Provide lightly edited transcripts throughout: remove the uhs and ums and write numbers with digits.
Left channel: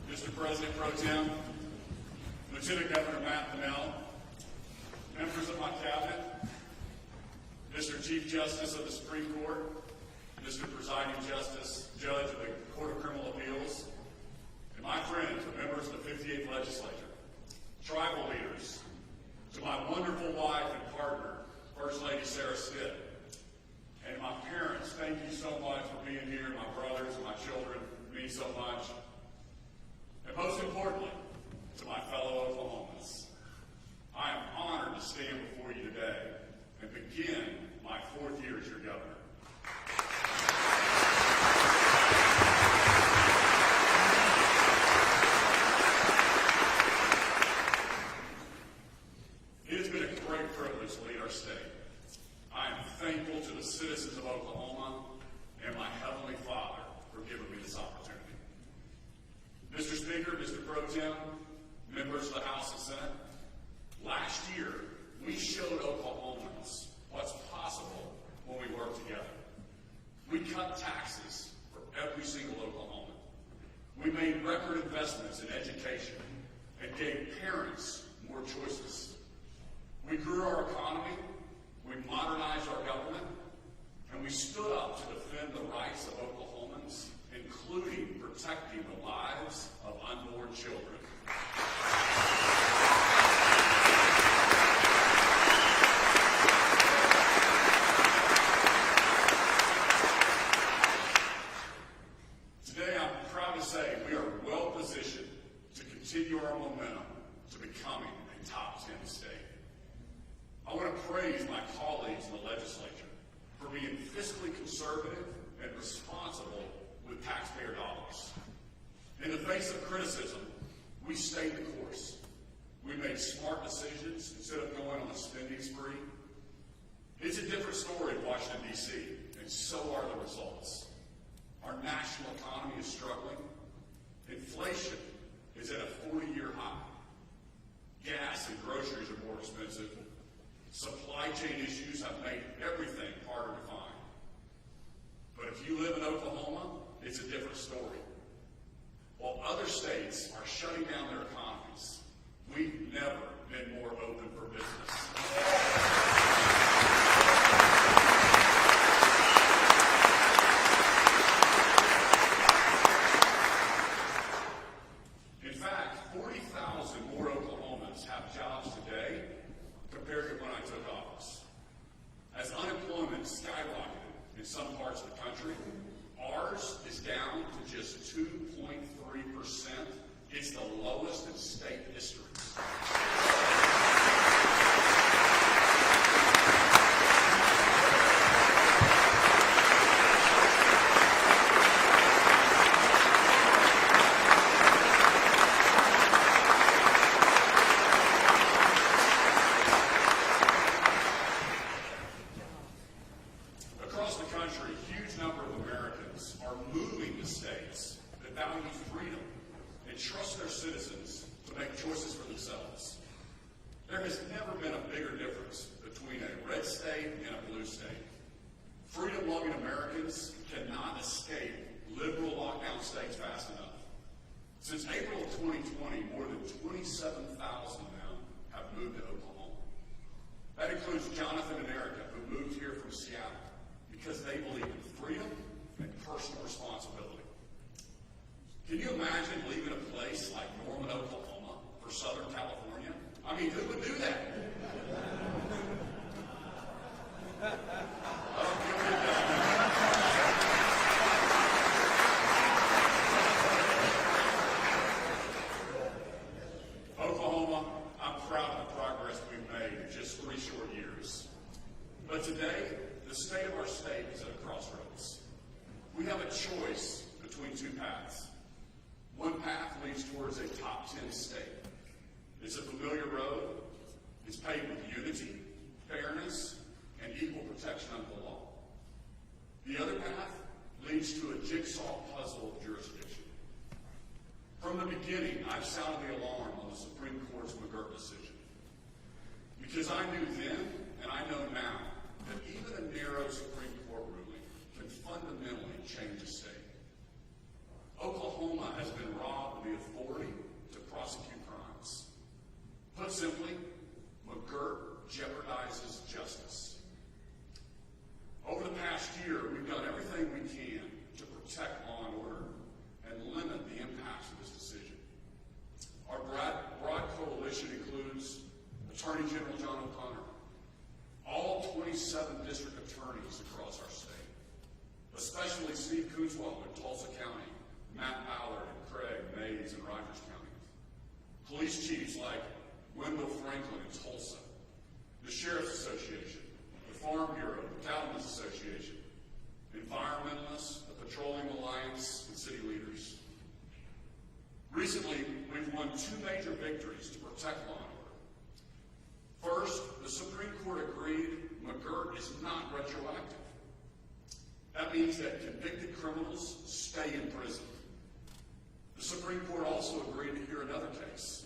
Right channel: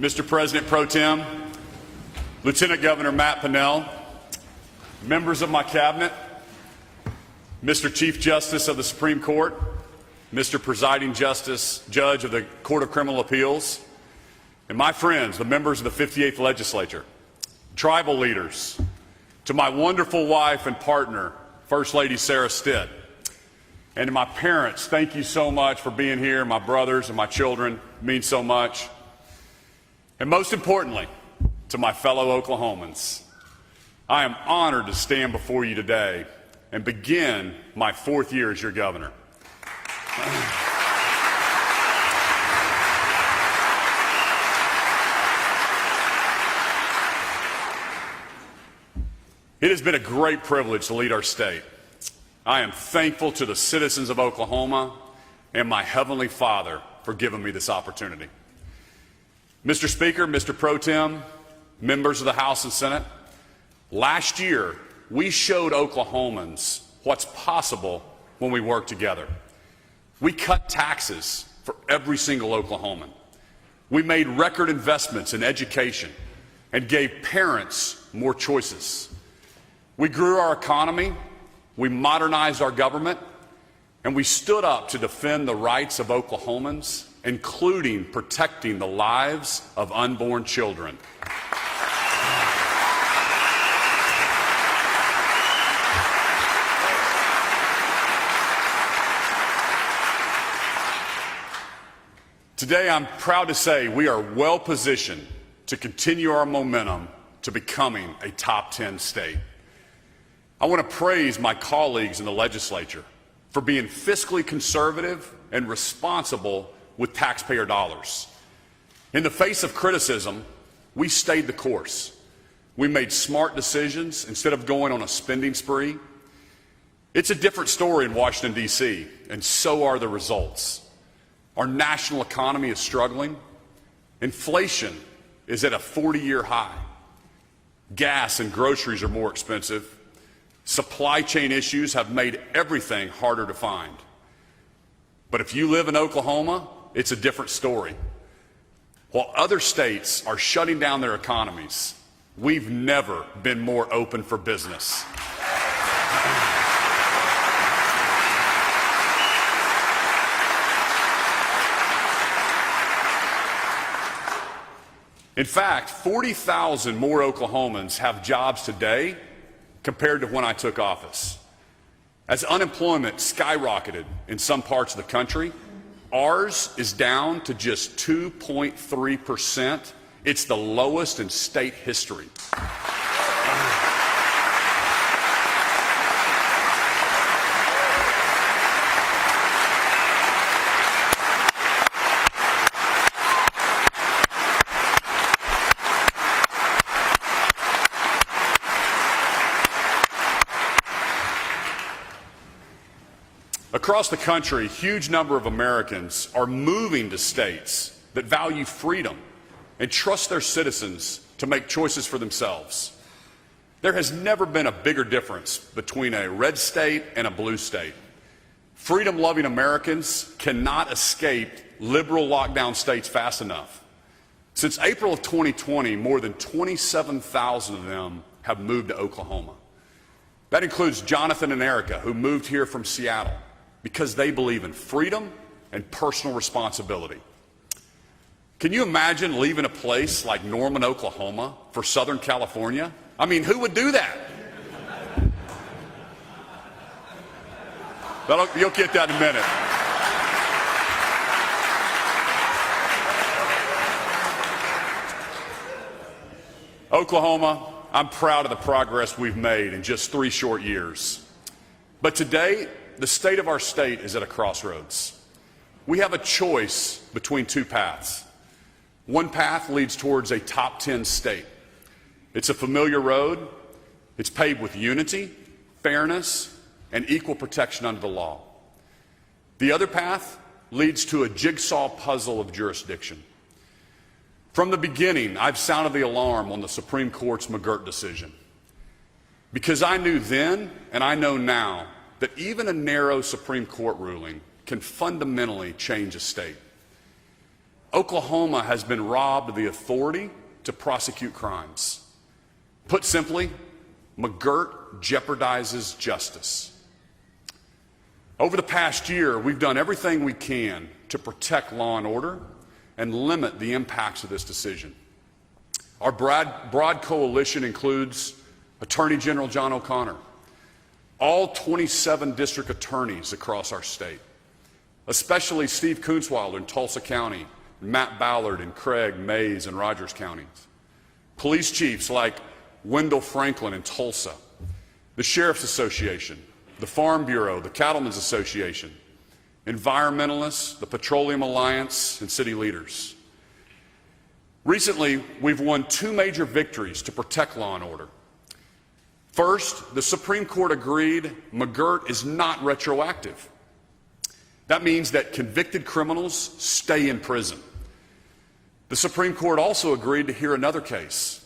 Mr. President Pro Tem, Lieutenant Governor Matt Pinnell, members of my cabinet, Mr. Chief Justice of the Supreme Court, Mr. Presiding Judge of the Court of Criminal Appeals, and my friends, the members of the 58th Legislature, tribal leaders, to my wonderful wife and partner, First Lady Sarah Stitt, and to my parents, thank you so much for being here. My brothers and my children mean so much. And most importantly, to my fellow Oklahomans, I am honored to stand before you today and begin my 4th year as your governor. It has been a great privilege to lead our state. I am thankful to the citizens of Oklahoma and my Heavenly Father for giving me this opportunity. Mr. Speaker, Mr. Pro Tem, members of the House and Senate, last year we showed Oklahomans what's possible when we work together. We cut taxes for every single Oklahoman. We made record investments in education and gave parents more choices. We grew our economy, we modernized our government, and we stood up to defend the rights of Oklahomans, including protecting the lives of unborn children. Today, I'm proud to say we are well positioned to continue our momentum to becoming a top 10 state. I want to praise my colleagues in the legislature for being fiscally conservative and responsible with taxpayer dollars. In the face of criticism, we stayed the course. We made smart decisions instead of going on a spending spree. It's a different story in Washington, D.C., and so are the results. Our national economy is struggling. Inflation is at a 40-year high. Gas and groceries are more expensive. Supply chain issues have made everything harder to find. But if you live in Oklahoma, it's a different story. While other states are shutting down their economies, we've never been more open for business. In fact, 40,000 more Oklahomans have jobs today compared to when I took office. As unemployment skyrocketed in some parts of the country, ours is down to just 2.3%. It's the lowest in state history. Across the country, a huge number of Americans are moving to states that value freedom and trust their citizens to make choices for themselves. There has never been a bigger difference between a red state and a blue state. Freedom-loving Americans cannot escape liberal lockdown states fast enough. Since April of 2020, more than 27,000 of them have moved to Oklahoma. That includes Jonathan and Erica, who moved here from Seattle because they believe in freedom and personal responsibility. Can you imagine leaving a place like Norman, Oklahoma for Southern California? I mean, who would do that? You'll get that in a minute. Oklahoma, I'm proud of the progress we've made in just 3 short years. But today, the state of our state is at a crossroads. We have a choice between 2 paths. One path leads towards a top 10 state. It's a familiar road. It's paved with unity, fairness, and equal protection under the law. The other path leads to a jigsaw puzzle of jurisdiction. From the beginning, I've sounded the alarm on the Supreme Court's McGirt decision, because I knew then and I know now that even a narrow Supreme Court ruling can fundamentally change a state. Oklahoma has been robbed of the authority to prosecute crimes. Put simply, McGirt jeopardizes justice. Over the past year, we've done everything we can to protect law and order and limit the impacts of this decision. Our broad coalition includes Attorney General John O'Connor, all 27 district attorneys across our state, especially Steve Kunzweiler in Tulsa County, Matt Ballard in Craig, Mays, and Rogers counties, police chiefs like Wendell Franklin in Tulsa, the Sheriff's Association, the Farm Bureau, the Cattlemen's Association, environmentalists, the Petroleum Alliance, and city leaders. Recently, we've won two major victories to protect law and order. First, the Supreme Court agreed McGirt is not retroactive. That means that convicted criminals stay in prison. The Supreme Court also agreed to hear another case.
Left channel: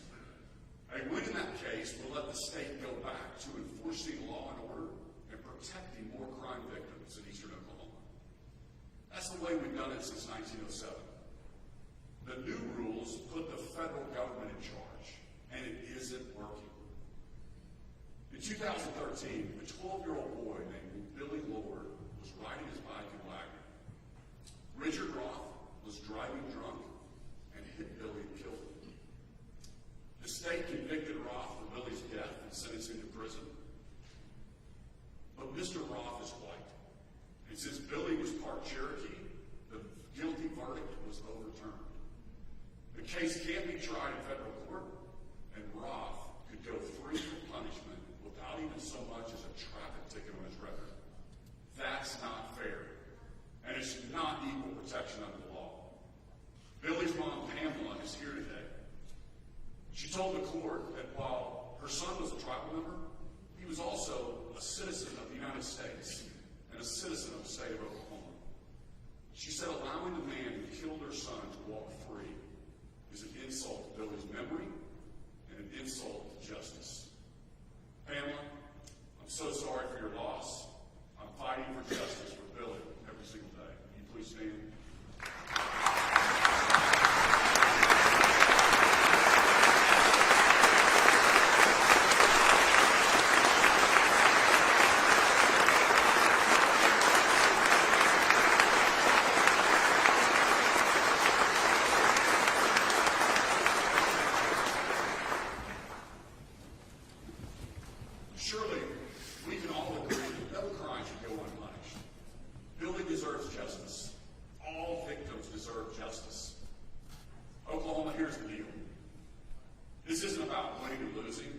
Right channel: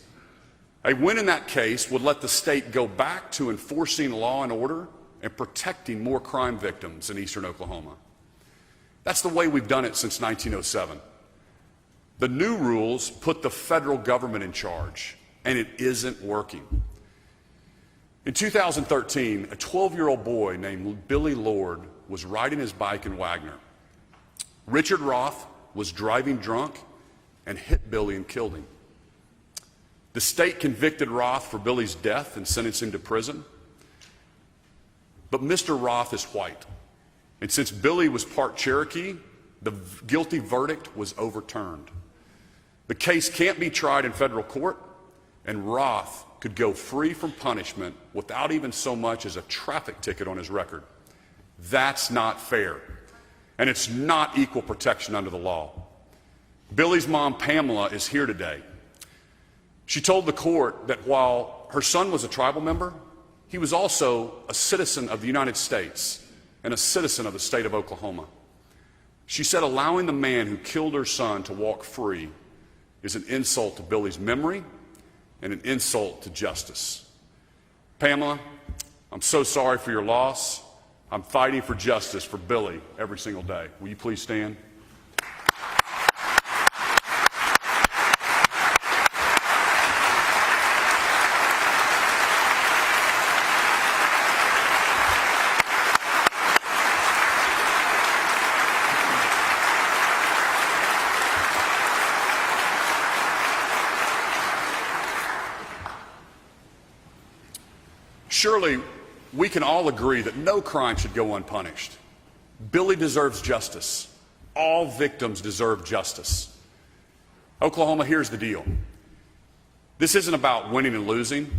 A win in that case would let the state go back to enforcing law and order and protecting more crime victims in eastern Oklahoma. That's the way we've done it since 1907. The new rules put the federal government in charge, and it isn't working. In 2013, a 12-year-old boy named Billy Lord was riding his bike in Wagner. Richard Roth was driving drunk and hit Billy and killed him. The state convicted Roth for Billy's death and sentenced him to prison. But Mr. Roth is white. And since Billy was part Cherokee, the guilty verdict was overturned. The case can't be tried in federal court, and Roth could go free from punishment without even so much as a traffic ticket on his record. That's not fair, and it's not equal protection under the law. Billy's mom, Pamela, is here today. She told the court that while her son was a tribal member, he was also a citizen of the United States and a citizen of the state of Oklahoma. She said allowing the man who killed her son to walk free is an insult to Billy's memory and an insult to justice. Pamela, I'm so sorry for your loss. I'm fighting for justice for Billy every single day. Will you please stand? Surely, we can all agree that no crime should go unpunished. Billy deserves justice. All victims deserve justice. Oklahoma, here's the deal. This isn't about winning and losing.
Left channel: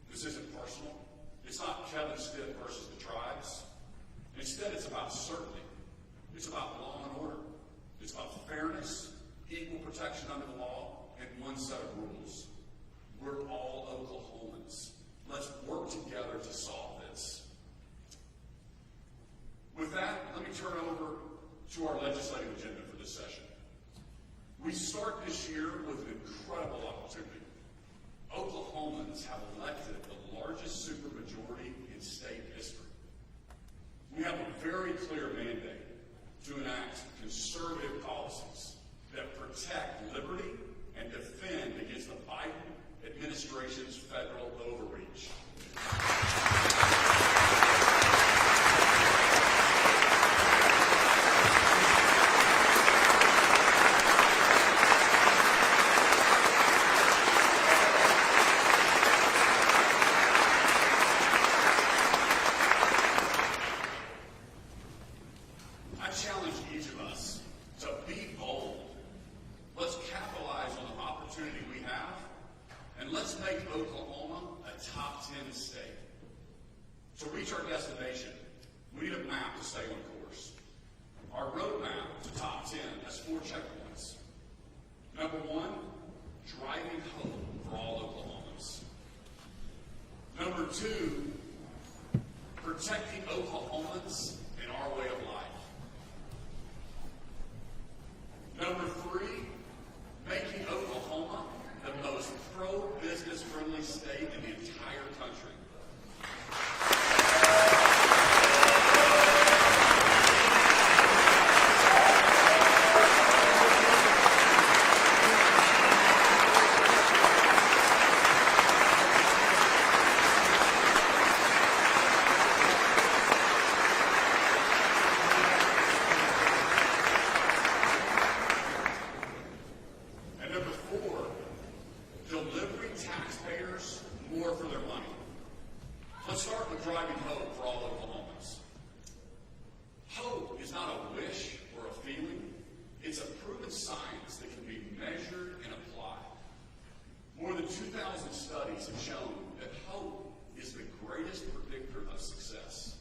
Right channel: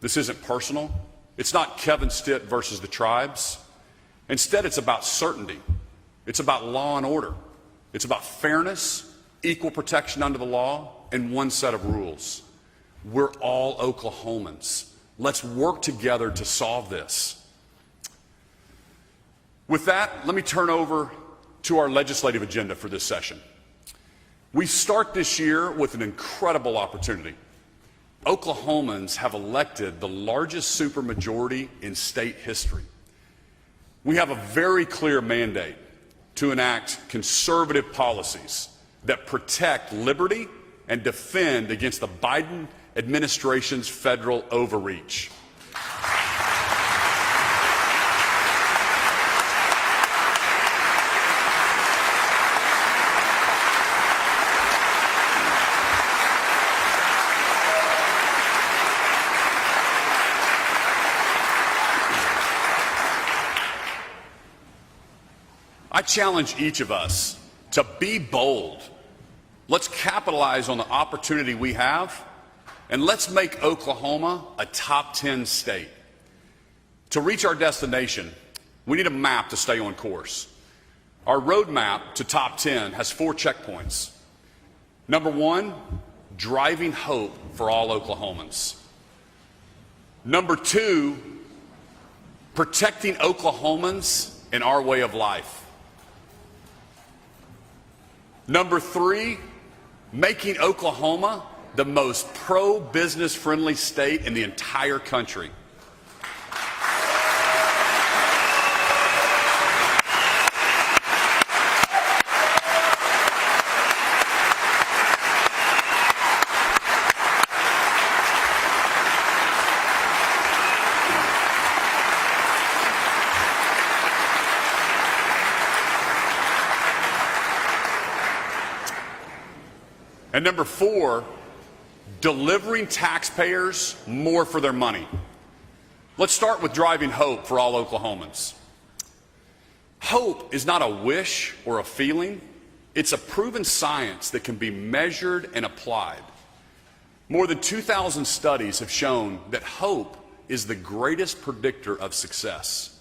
This isn't personal. It's not Kevin Stitt versus the tribes. Instead, it's about certainty. It's about law and order. It's about fairness, equal protection under the law, and one set of rules. We're all Oklahomans. Let's work together to solve this. With that, let me turn over to our legislative agenda for this session. We start this year with an incredible opportunity. Oklahomans have elected the largest supermajority in state history. We have a very clear mandate to enact conservative policies that protect liberty and defend against the Biden administration's federal overreach. I challenge each of us to be bold. Let's capitalize on the opportunity we have, and let's make Oklahoma a top 10 state. To reach our destination, we need a map to stay on course. Our roadmap to top 10 has 4 checkpoints. Number 1, driving hope for all Oklahomans. Number 2, protecting Oklahomans in our way of life. Number 3, making Oklahoma the most pro-business friendly state in the entire country. And number 4, delivering taxpayers more for their money. Let's start with driving hope for all Oklahomans. Hope is not a wish or a feeling. It's a proven science that can be measured and applied. More than 2,000 studies have shown that hope is the greatest predictor of success.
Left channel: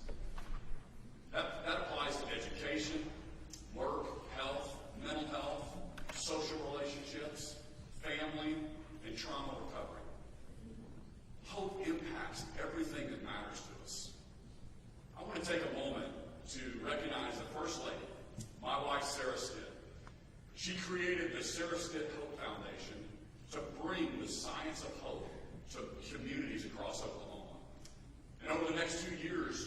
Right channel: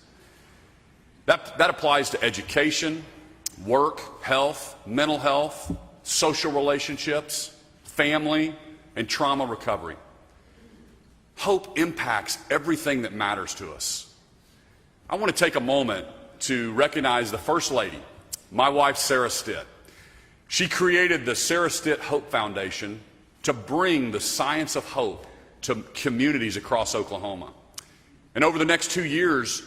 That applies to education, work, health, mental health, social relationships, family, and trauma recovery. Hope impacts everything that matters to us. I want to take a moment to recognize the First Lady, my wife, Sarah Stitt. She created the Sarah Stitt Hope Foundation to bring the science of hope to communities across Oklahoma. And over the next 2 years,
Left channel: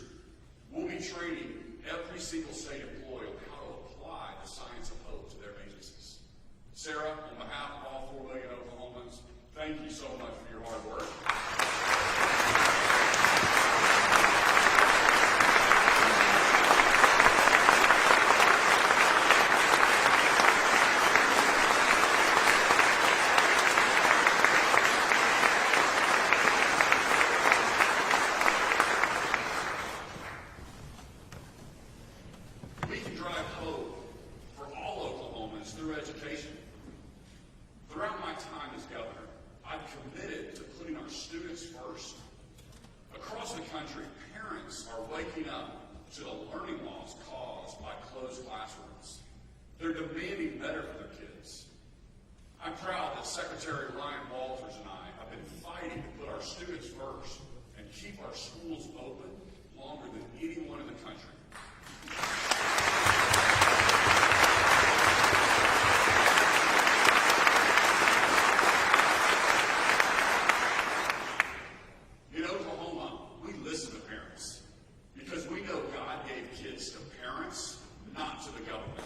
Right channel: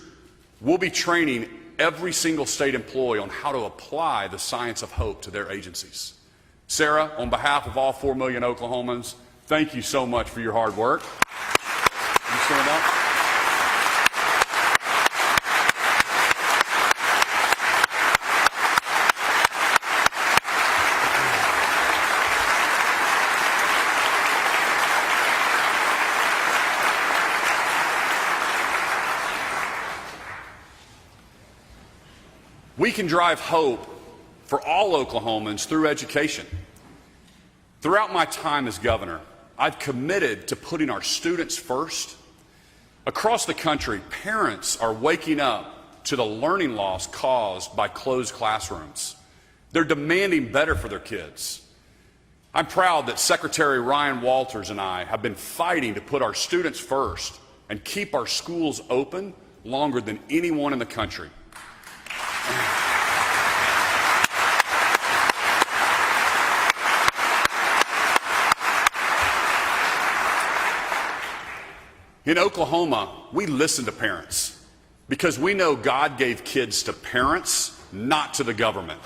we'll be training every single state employee on how to apply the science of hope to their agencies. Sarah, on behalf of all 4 million Oklahomans, thank you so much for your hard work. You stand up. We can drive hope for all Oklahomans through education. Throughout my time as governor, I've committed to putting our students first. Across the country, parents are waking up to the learning loss caused by closed classrooms. They're demanding better for their kids. I'm proud that Secretary Ryan Walters and I have been fighting to put our students first and keep our schools open longer than anyone in the country. In Oklahoma, we listen to parents because we know God gave kids to parents, not to the government.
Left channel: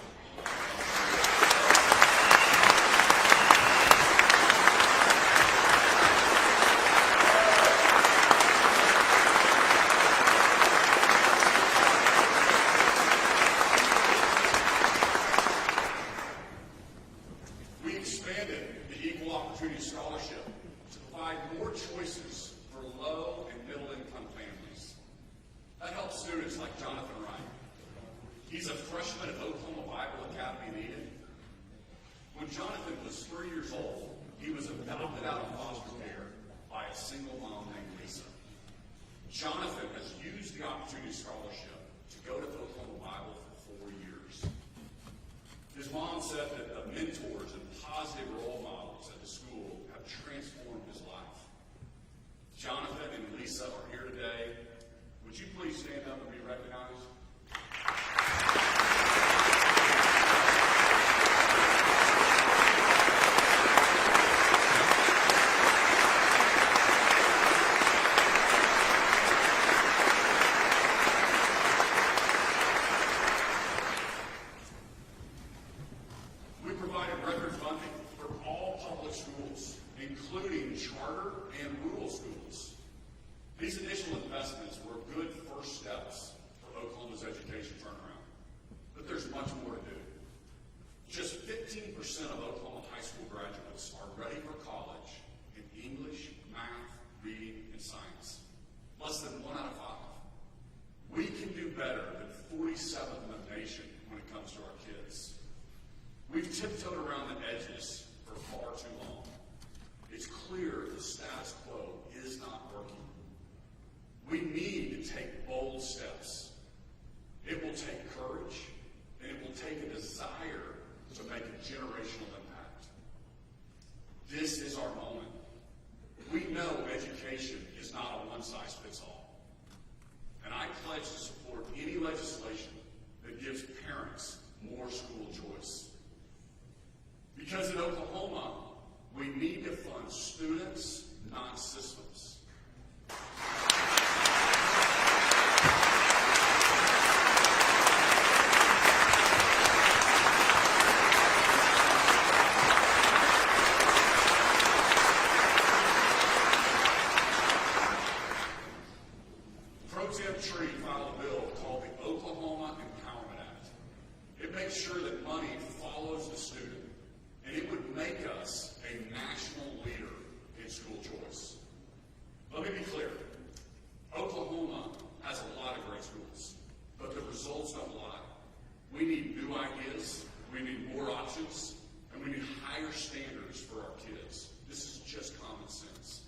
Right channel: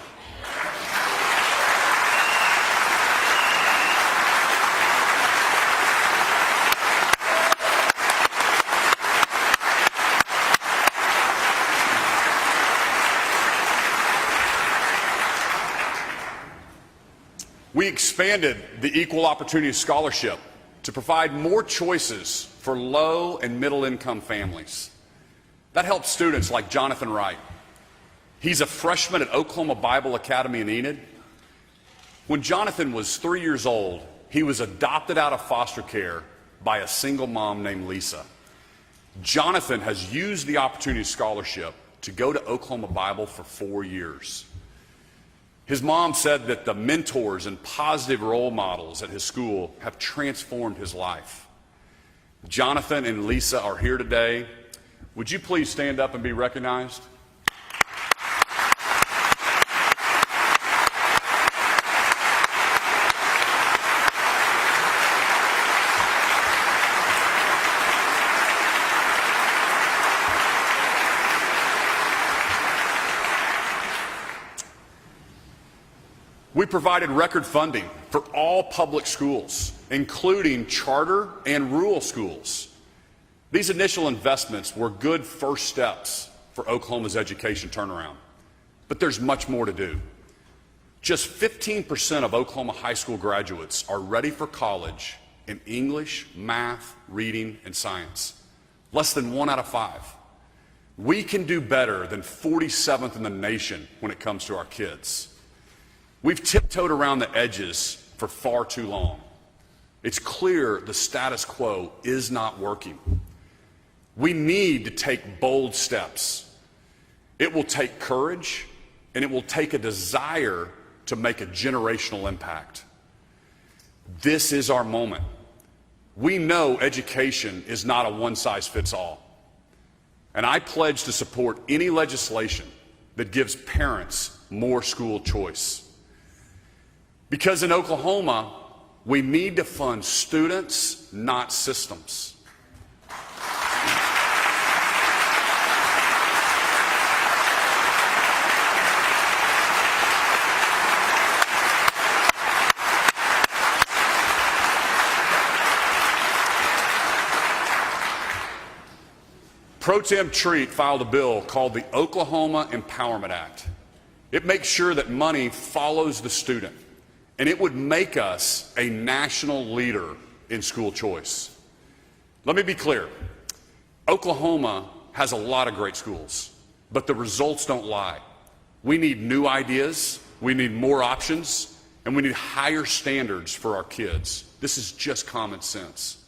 We expanded the Equal Opportunity Scholarship to provide more choices for low and middle income families. That helps students like Jonathan Wright. He's a freshman at Oklahoma Bible Academy in Enid. When Jonathan was 3 years old, he was adopted out of foster care by a single mom named Lisa. Jonathan has used the Opportunity Scholarship to go to Oklahoma Bible for 4 years. His mom said that the mentors and positive role models at his school have transformed his life. Jonathan and Lisa are here today. Would you please stand up and be recognized? We provided record funding for all public schools, including charter and rural schools. These initial investments were good first steps for Oklahoma's education turnaround, but there's much more to do. Just 15% of Oklahoma high school graduates are ready for college in English, math, reading, and science. Less than 1 out of 5. We can do better than 47th in the nation when it comes to our kids. We've tiptoed around the edges for far too long. It's clear the status quo is not working. We need to take bold steps. It will take courage, and it will take a desire to make a generational impact. This is our moment. We know education is not a one-size-fits-all. And I pledge to support any legislation that gives parents more school choice. Because in Oklahoma, we need to fund students, not systems. Pro Tem Treat filed a bill called the Oklahoma Empowerment Act. It makes sure that money follows the student. and it would make us a national leader in school choice. Let me be clear. Oklahoma has a lot of great schools, but the results don't lie. We need new ideas, we need more options, and we need higher standards for our kids. This is just common sense.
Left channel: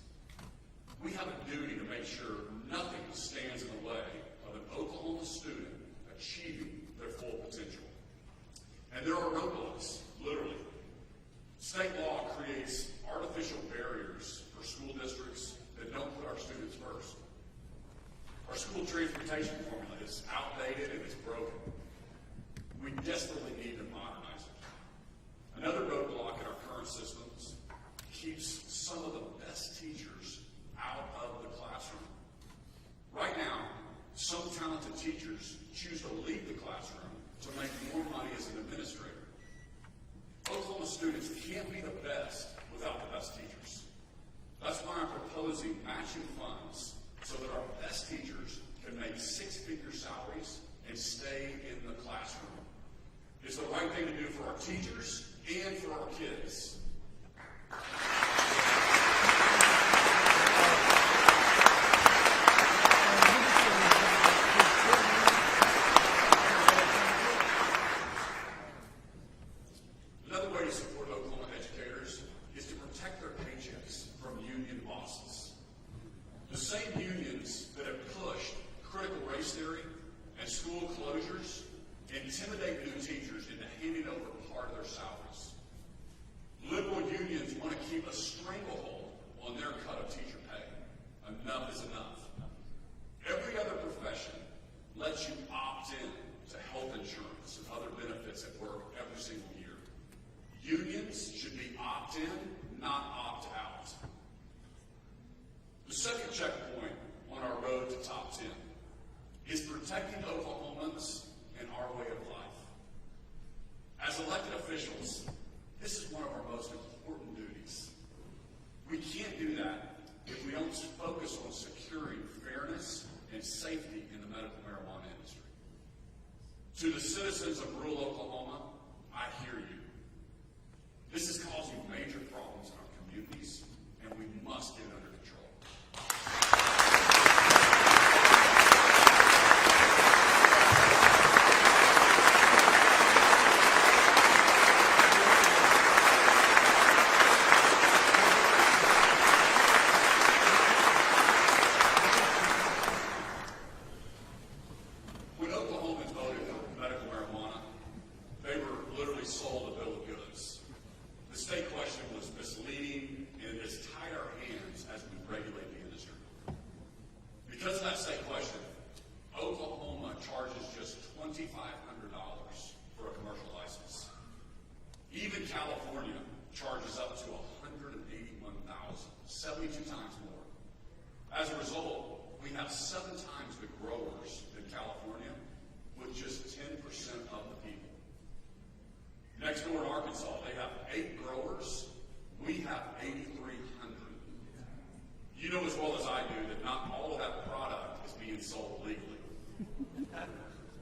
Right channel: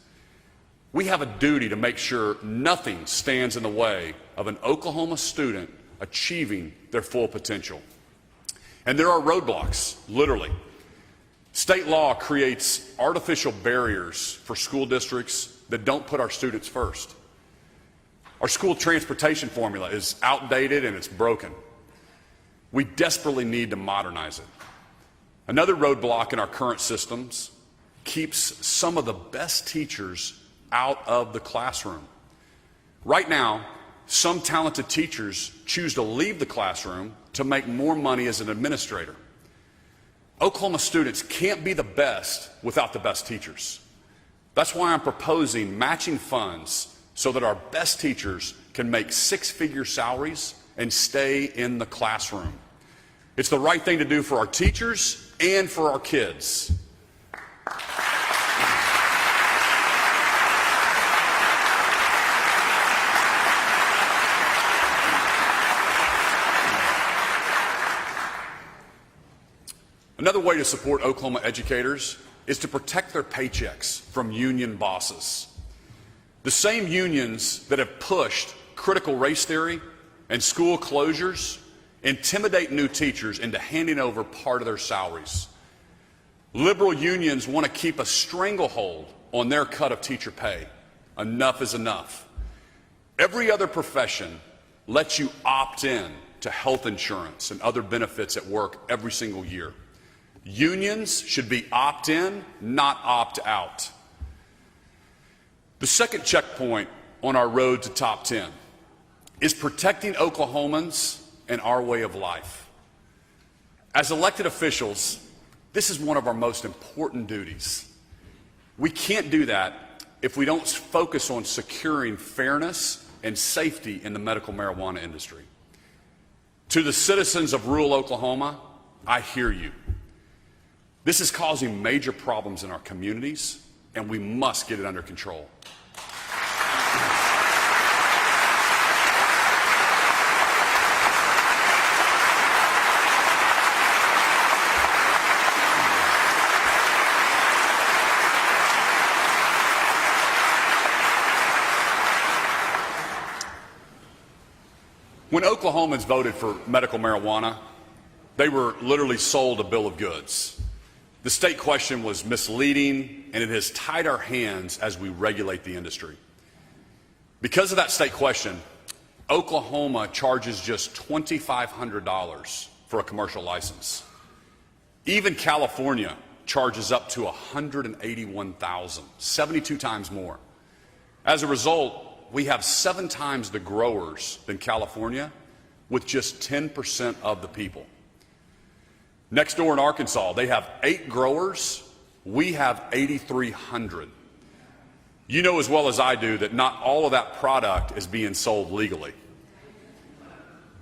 We have a duty to make sure nothing stands in the way of an Oklahoma student achieving their full potential. And there are roadblocks, literally. State law creates artificial barriers for school districts that don't put our students first. Our school transportation formula is outdated and it's broken. We desperately need to modernize it. Another roadblock in our current systems keeps some of the best teachers out of the classroom. Right now, some talented teachers choose to leave the classroom to make more money as an administrator. Oklahoma students can't be the best without the best teachers. That's why I'm proposing matching funds so that our best teachers can make six-figure salaries and stay in the classroom. It's the right thing to do for our teachers and for our kids. Another way to support Oklahoma educators is to protect their paychecks from union bosses. The same unions that have pushed critical race theory and school closures intimidate new teachers into handing over part of their salaries. Liberal unions want to keep a stranglehold on their cut of teacher pay. Enough is enough. Every other profession lets you opt in to health insurance and other benefits at work every single year. Unions should be opt-in, not opt-out. The second checkpoint on our road to top 10 is protecting Oklahomans and our way of life. As elected officials, this is one of our most important duties. We can't do that if we don't focus on securing fairness and safety in the medical marijuana industry. To the citizens of rural Oklahoma, I hear you. This is causing major problems in our communities, and we must get it under control. When Oklahomans voted for medical marijuana, they were literally sold a bill of goods. The state question was misleading, and it has tied our hands as we regulate the industry. Because of that state question, Oklahoma charges just $2,500 for a commercial license. Even California charges up to $181,000, 72 times more. As a result, we have 7 times the growers than California, with just 10% of the people. Next door in Arkansas, they have 8 growers. We have 8,300. You know as well as I do that not all of that product is being sold legally.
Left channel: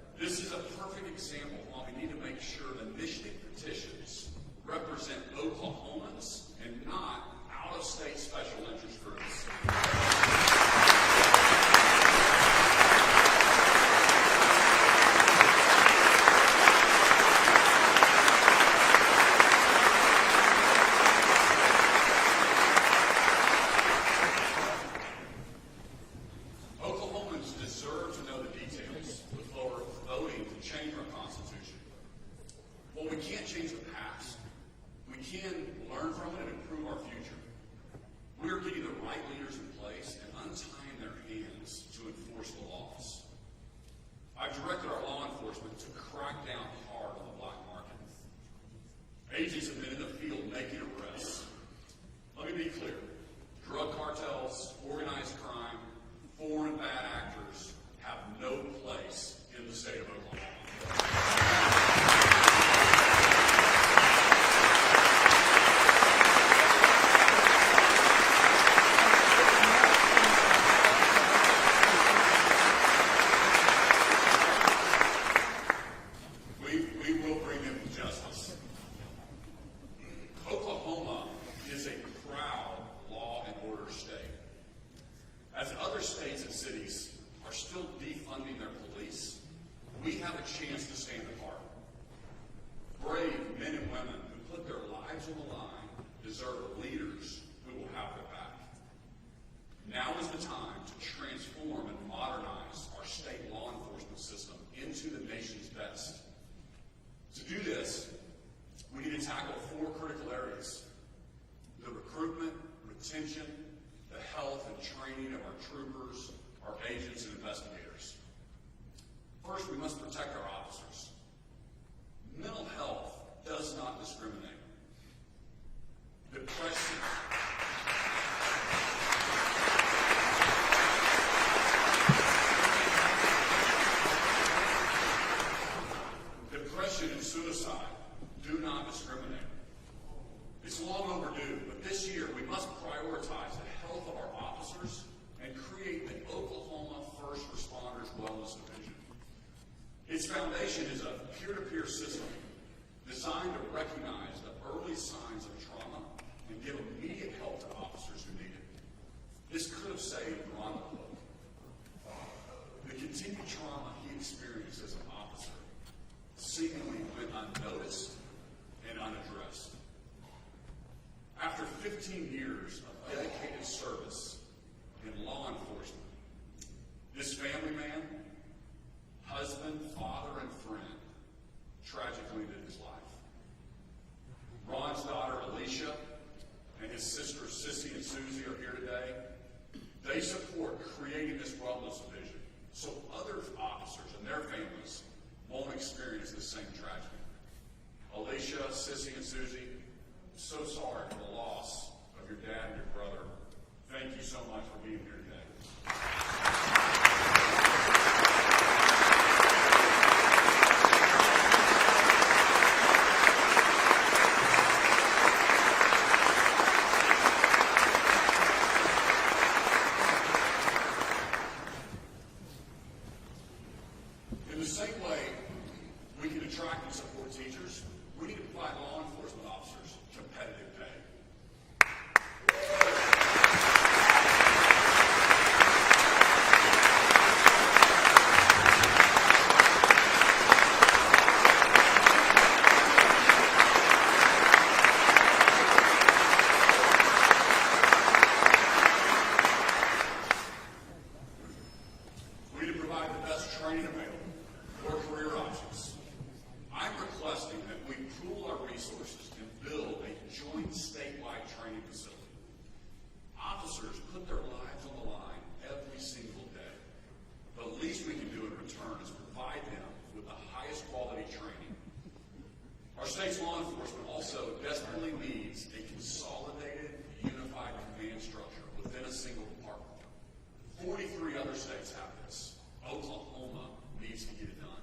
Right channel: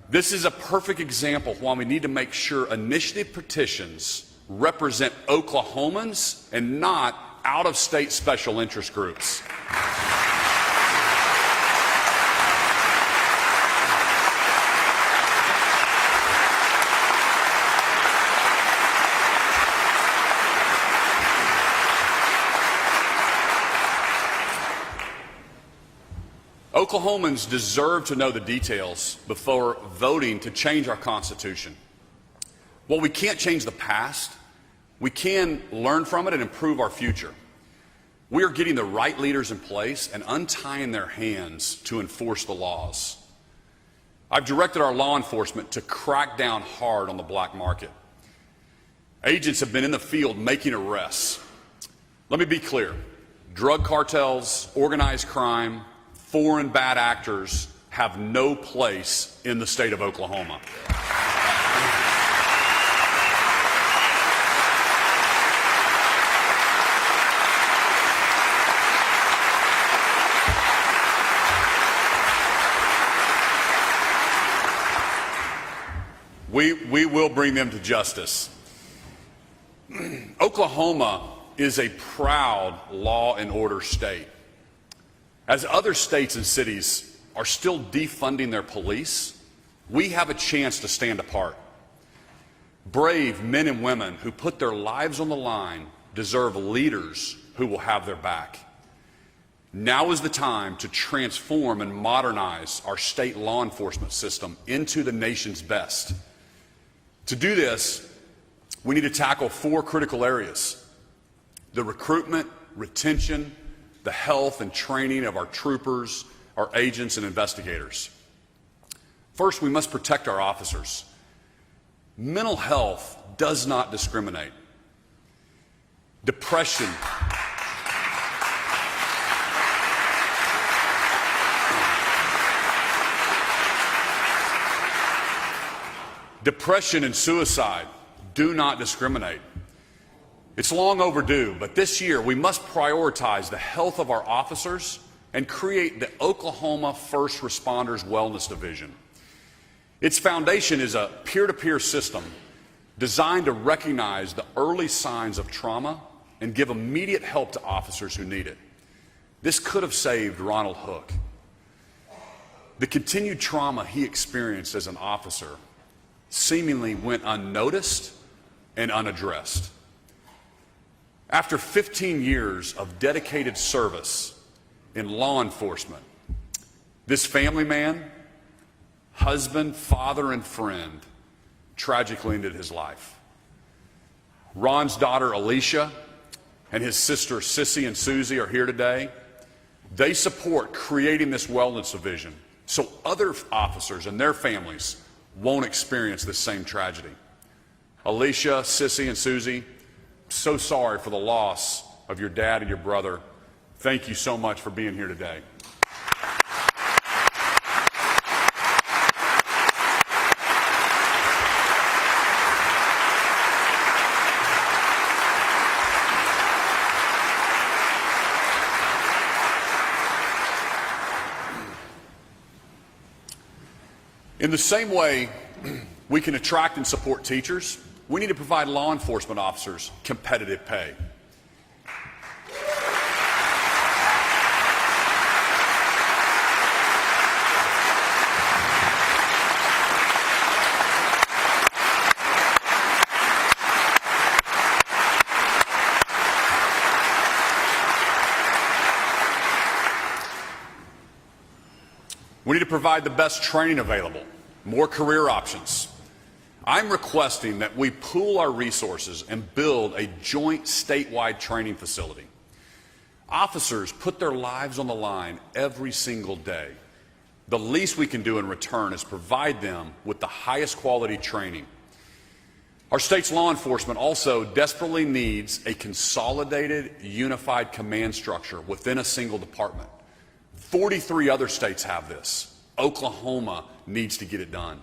This is a perfect example of why we need to make sure initiative petitions represent Oklahomans and not out-of-state special interest groups. Oklahomans deserve to know the details before voting to change our Constitution. While we can't change the past, we can learn from it and improve our future. We are getting the right leaders in place and untying their hands to enforce the laws. I've directed our law enforcement to crack down hard on the black market. Agents have been in the field making arrests. Let me be clear. Drug cartels, organized crime, foreign bad actors have no place in the state of Oklahoma. We will bring them to justice. Oklahoma is a proud law and order state. As other states and cities are still defunding their police, we have a chance to stand apart. Brave men and women who put their lives on the line deserve leaders who will have their back. Now is the time to transform and modernize our state law enforcement system into the nation's best. To do this, we need to tackle 4 critical areas: the recruitment, retention, the health and training of our troopers, our agents, and investigators. First, we must protect our officers. Mental health does not discriminate. Depression and suicide do not discriminate. It's long overdue, but this year we must prioritize the health of our officers and create the Oklahoma First Responders Wellness Division. Its foundation is a peer-to-peer system designed to recognize the early signs of trauma and give immediate help to officers who need it. This could have saved Ronald Hook. The continued trauma he experienced as an officer seemingly went unnoticed and unaddressed. After 15 years of dedicated service in law enforcement, this family man, husband, father, and friend tragically ended his life. Ron's daughter, Alicia, and his sister, Sissy and Susie, are here today. They support creating this wellness division so other officers and their families won't experience this same tragedy. Alicia, Sissy, and Susie, so sorry for the loss of your dad and your brother. Thank you so much for being here today. In the same way we can attract and support teachers, we need to provide law enforcement officers competitive pay. We need to provide the best training available, more career options. I'm requesting that we pool our resources and build a joint statewide training facility. Officers put their lives on the line every single day. The least we can do in return is provide them with the highest quality training. Our state's law enforcement also desperately needs a consolidated, unified command structure within a single department. 43 other states have this. Oklahoma needs to get it done.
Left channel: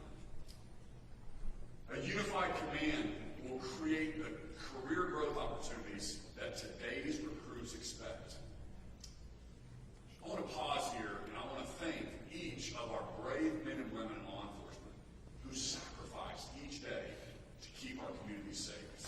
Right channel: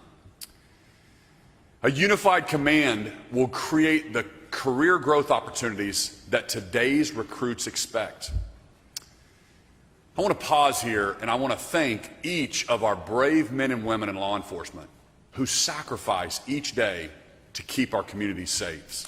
A unified command will create the career growth opportunities that today's recruits expect. I want to pause here and I want to thank each of our brave men and women in law enforcement who sacrifice each day to keep our communities safe.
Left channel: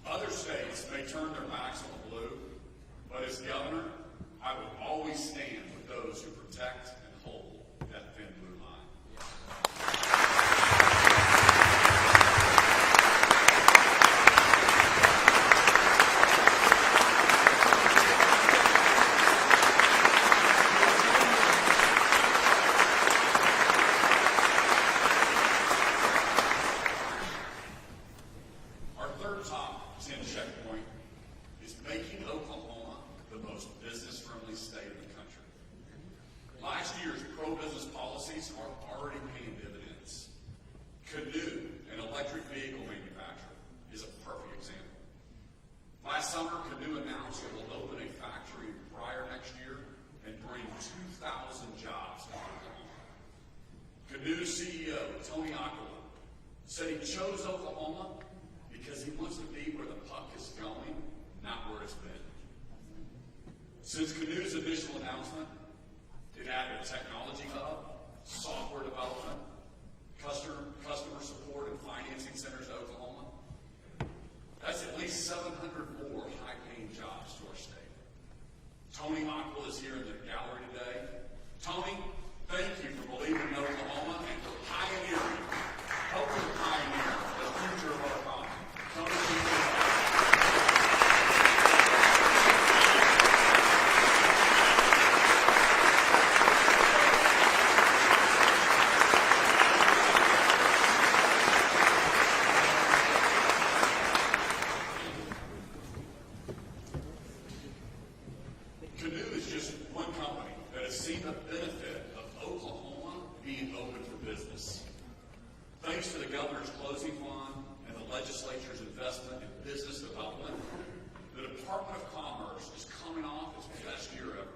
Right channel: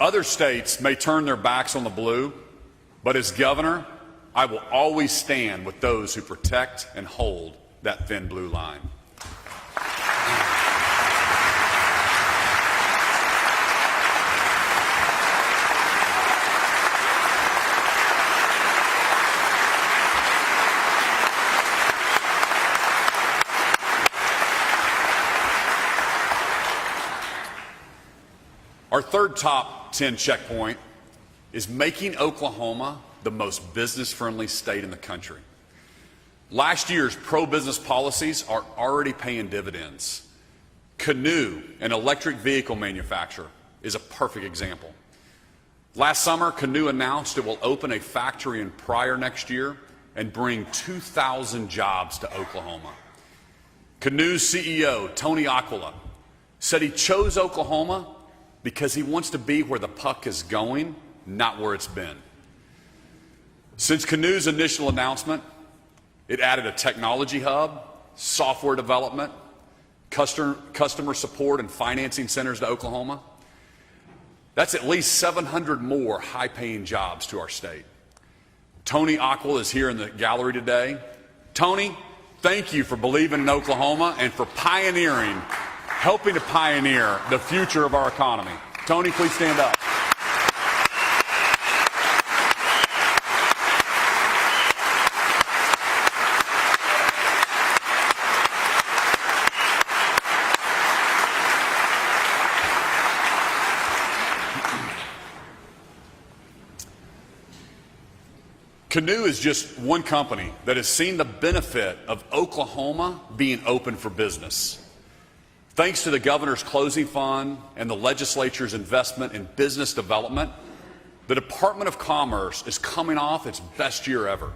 Other states may turn their backs on the blue, but as governor, I will always stand with those who protect and hold that thin blue line. Our third top 10 checkpoint is making Oklahoma the most business-friendly state in the country. Last year's pro-business policies are already paying dividends. Canoe, an electric vehicle manufacturer, is a perfect example. Last summer, Canoe announced it will open a factory in Pryor next year and bring 2,000 jobs to Oklahoma. Canoe's CEO, Tony Aquila, said he chose Oklahoma because he wants to be where the puck is going, not where it's been. Since Canoe's initial announcement, it added a technology hub, software development, customer support and financing centers to Oklahoma. That's at least 700 more high-paying jobs to our state. Tony Aquila is here in the gallery today. Tony, thank you for believing in Oklahoma and for helping to pioneer the future of our economy. Tony, please stand up. Canoe is just one company that has seen the benefit of Oklahoma being open for business. Thanks to the governor's closing fund and the legislature's investment in business development, the Department of Commerce is coming off its best year ever.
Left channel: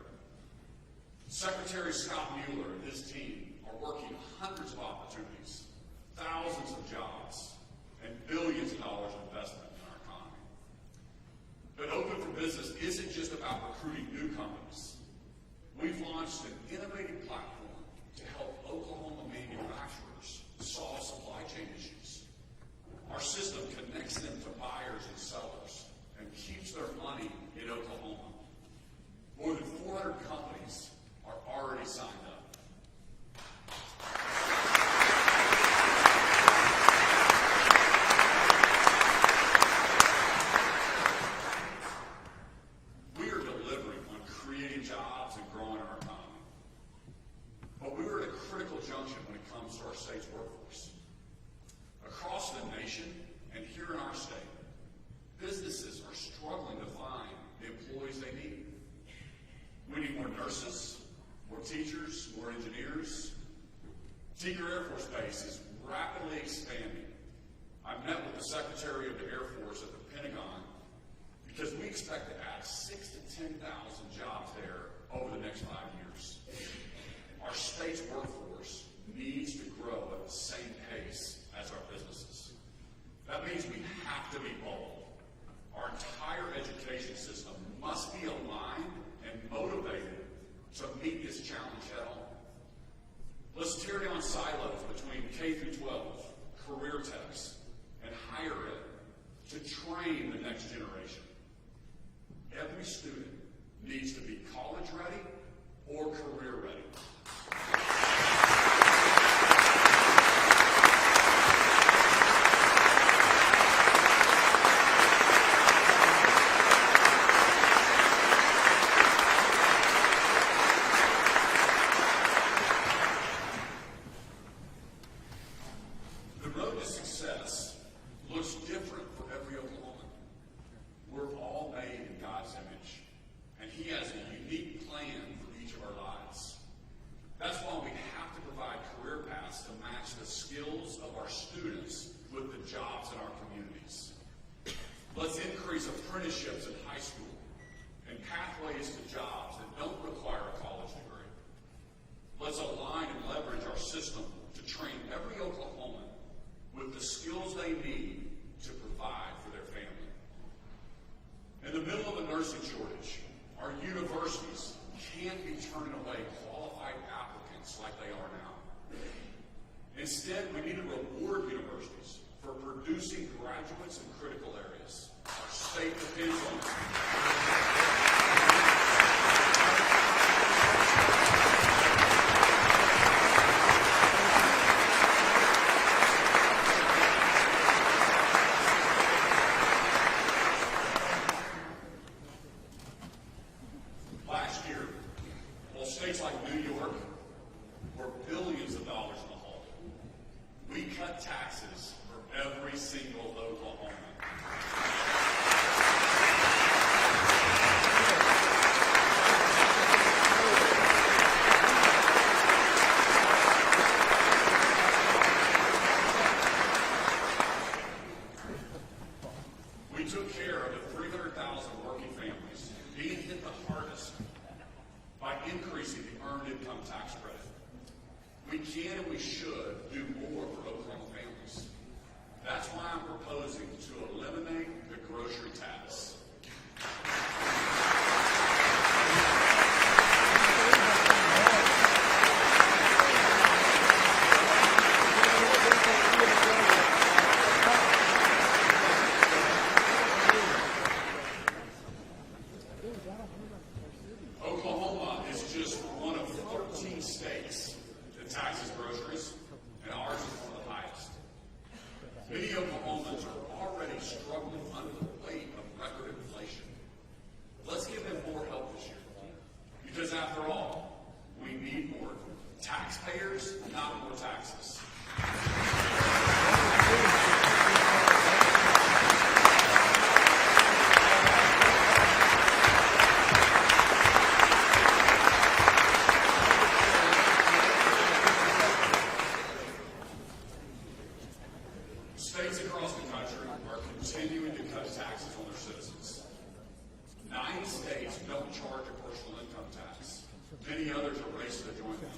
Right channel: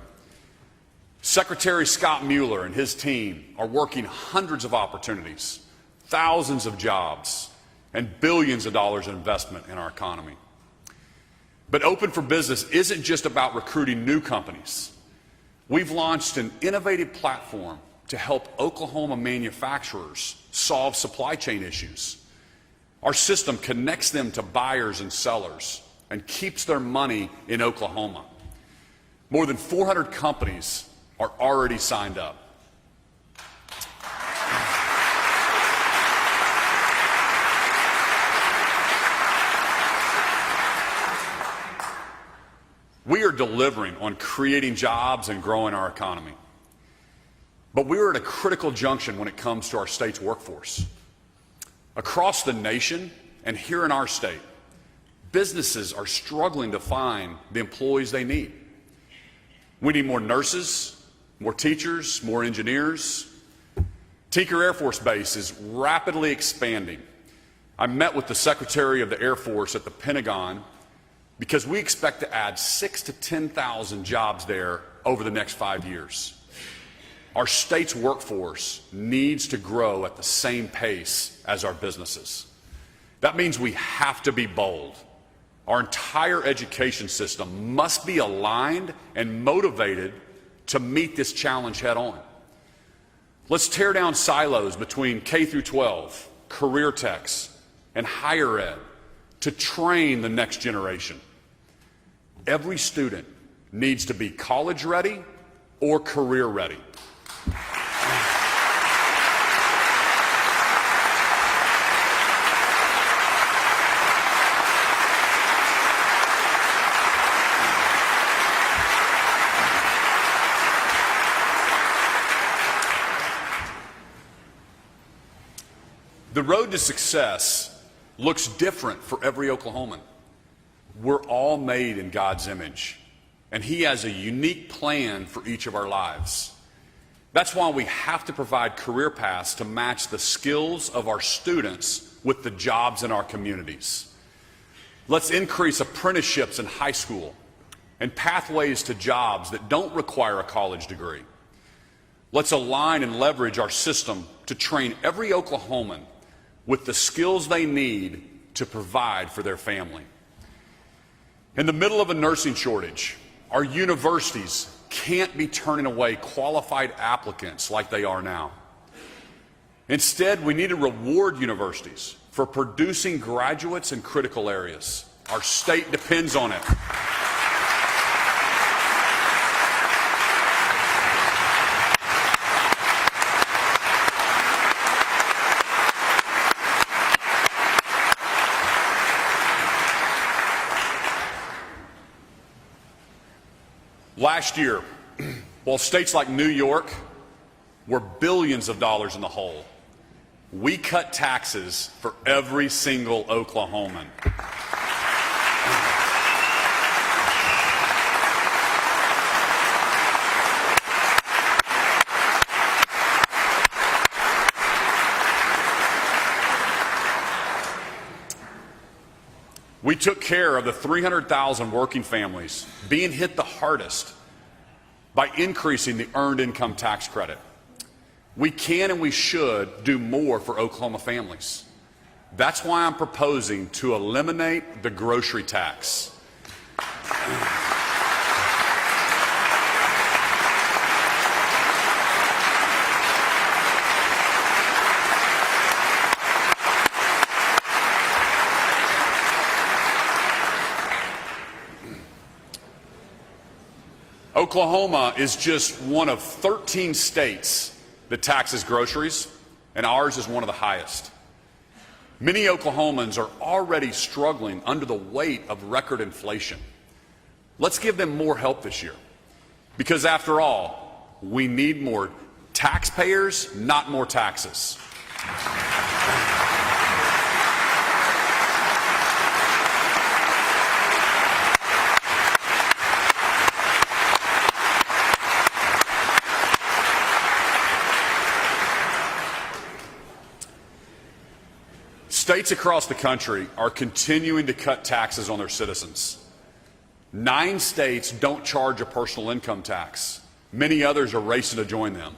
Secretary Scott Mueller and his team are working hundreds of opportunities, thousands of jobs, and billions of dollars in investment in our economy. But Open for Business isn't just about recruiting new companies. We've launched an innovative platform to help Oklahoma manufacturers solve supply chain issues. Our system connects them to buyers and sellers and keeps their money in Oklahoma. More than 400 companies are already signed up. We are delivering on creating jobs and growing our economy. But we are at a critical junction when it comes to our state's workforce. Across the nation and here in our state, businesses are struggling to find the employees they need. We need more nurses, more teachers, more engineers. Tinker Air Force Base is rapidly expanding. I met with the Secretary of the Air Force at the Pentagon because we expect to add 6,000 to 10,000 jobs there over the next 5 years. Our state's workforce needs to grow at the same pace as our businesses. That means we have to be bold. Our entire education system must be aligned and motivated to meet this challenge head on. Let's tear down silos between K through 12, career techs, and higher ed to train the next generation. Every student needs to be college ready or career ready. The road to success looks different for every Oklahoman. We're all made in God's image, and He has a unique plan for each of our lives. That's why we have to provide career paths to match the skills of our students with the jobs in our communities. Let's increase apprenticeships in high school and pathways to jobs that don't require a college degree. Let's align and leverage our system to train every Oklahoman with the skills they need to provide for their family. In the middle of a nursing shortage, our universities can't be turning away qualified applicants like they are now. Instead, we need to reward universities for producing graduates in critical areas. Our state depends on it. Last year, while states like New York were billions of dollars in the hole, we cut taxes for every single Oklahoman. We took care of the 300,000 working families being hit the hardest by increasing the earned income tax credit. We can and we should do more for Oklahoma families. That's why I'm proposing to eliminate the grocery tax. Oklahoma is just one of 13 states that taxes groceries, and ours is one of the highest. Many Oklahomans are already struggling under the weight of record inflation. Let's give them more help this year, because after all, we need more taxpayers, not more taxes. States across the country are continuing to cut taxes on their citizens. 9 states don't charge a personal income tax. Many others are racing to join them.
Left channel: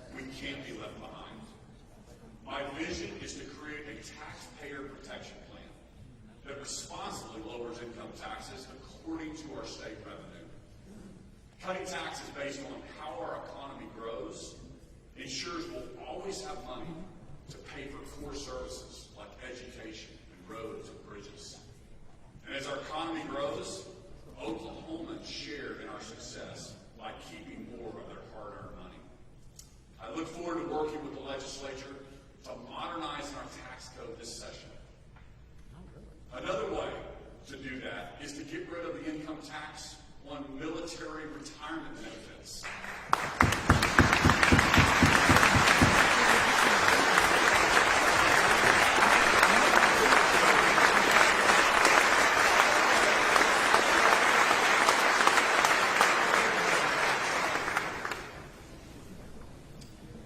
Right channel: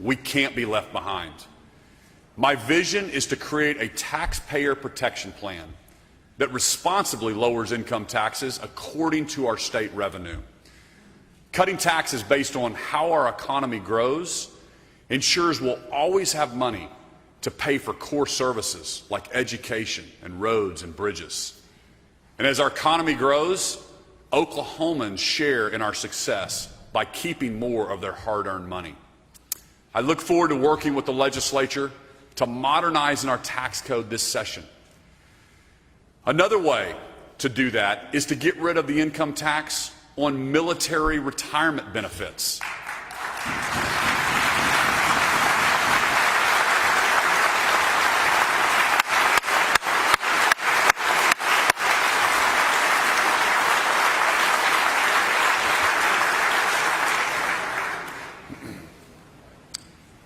We can't be left behind. My vision is to create a taxpayer protection plan that responsibly lowers income taxes according to our state revenue. Cutting taxes based on how our economy grows ensures we'll always have money to pay for core services like education and roads and bridges. And as our economy grows, Oklahomans share in our success by keeping more of their hard-earned money. I look forward to working with the legislature to modernize our tax code this session. Another way to do that is to get rid of the income tax on military retirement benefits.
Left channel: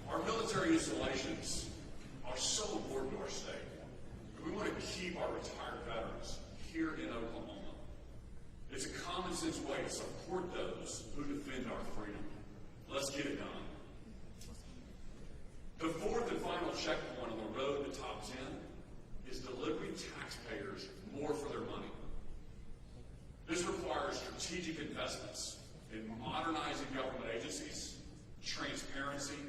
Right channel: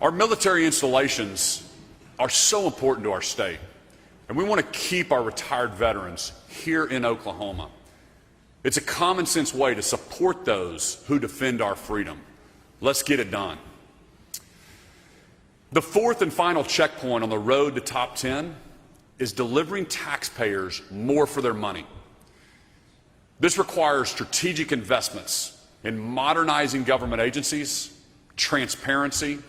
Our military installations are so important to our state, and we want to keep our retired veterans here in Oklahoma. It's a common sense way to support those who defend our freedom. Let's get it done. The fourth and final checkpoint on the road to top 10 is delivering taxpayers more for their money. This requires strategic investments in modernizing government agencies, transparency,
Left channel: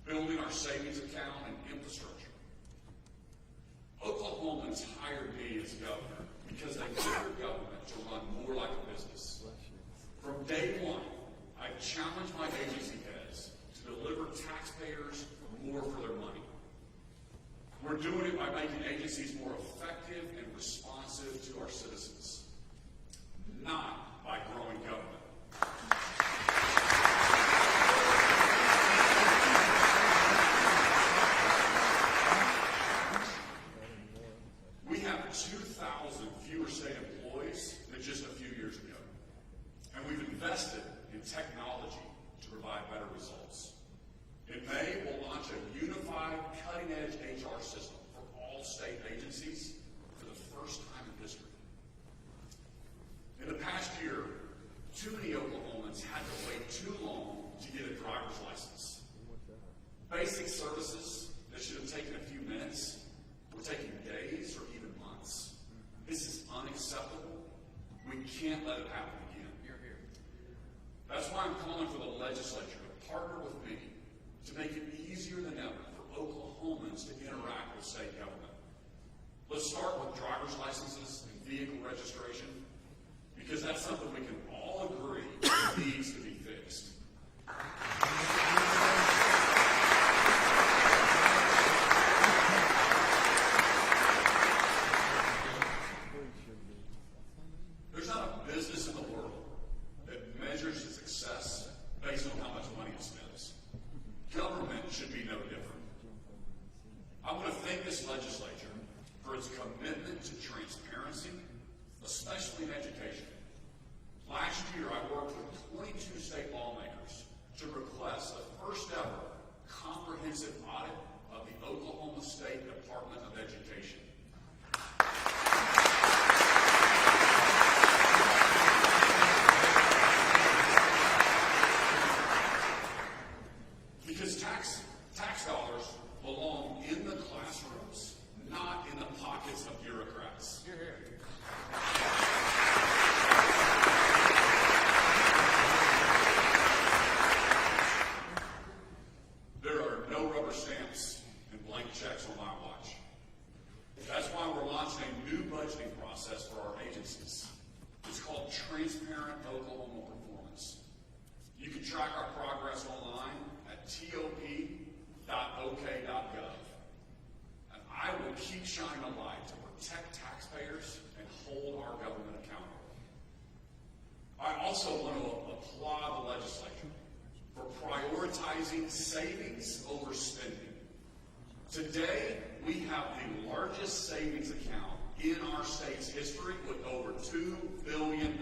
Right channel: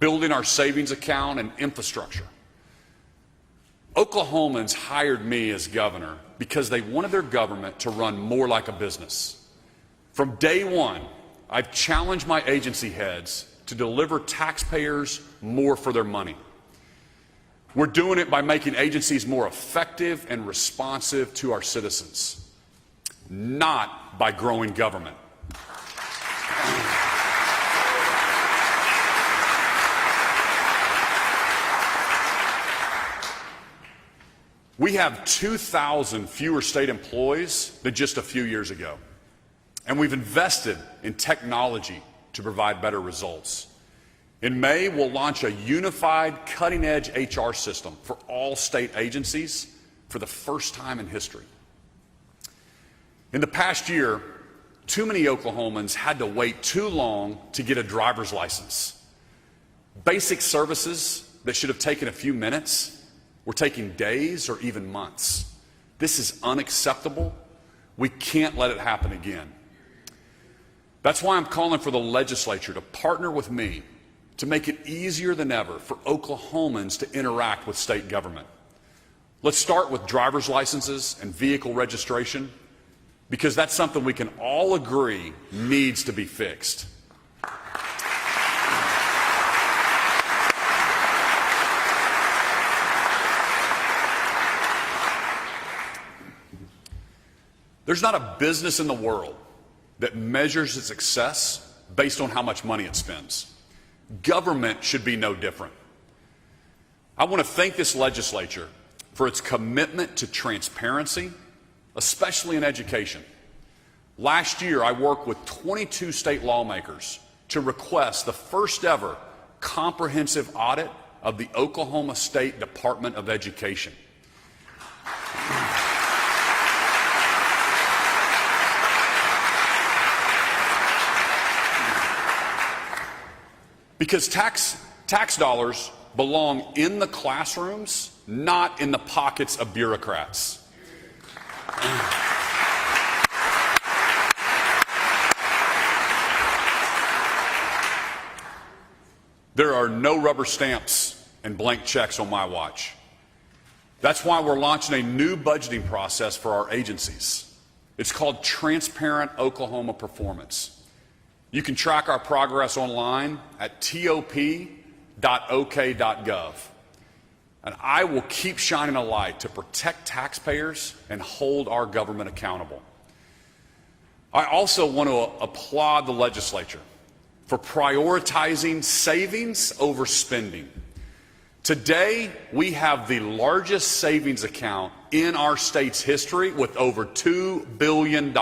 building our savings account, and infrastructure. Oklahomans hired me as governor because they wanted their government to run more like a business. From day one, I've challenged my agency heads to deliver taxpayers more for their money. We're doing it by making agencies more effective and responsive to our citizens, not by growing government. We have 2,000 fewer state employees than just a few years ago, and we've invested in technology to provide better results. In May, we'll launch a unified, cutting-edge HR system for all state agencies for the first time in history. In the past year, too many Oklahomans had to wait too long to get a driver's license. Basic services that should have taken a few minutes were taking days or even months. This is unacceptable. We can't let it happen again. That's why I'm calling for the legislature to partner with me to make it easier than ever for Oklahomans to interact with state government. Let's start with driver's licenses and vehicle registration, because that's something we can all agree needs to be fixed. There's not a business in the world that measures its success based on how much money it spends. Government should be no different. I want to thank this legislature for its commitment to transparency, especially in education. Last year, I worked with 22 state lawmakers to request the first ever comprehensive audit of the Oklahoma State Department of Education. Because Tax dollars belong in the classrooms, not in the pockets of bureaucrats. There are no rubber stamps and blank checks on my watch. That's why we're launching a new budgeting process for our agencies. It's called Transparent Oklahoma Performance. You can track our progress online at top.ok.gov. And I will keep shining a light to protect taxpayers and hold our government accountable. I also want to applaud the legislature for prioritizing savings over spending. Today, we have the largest savings account in our state's history with over $2 billion.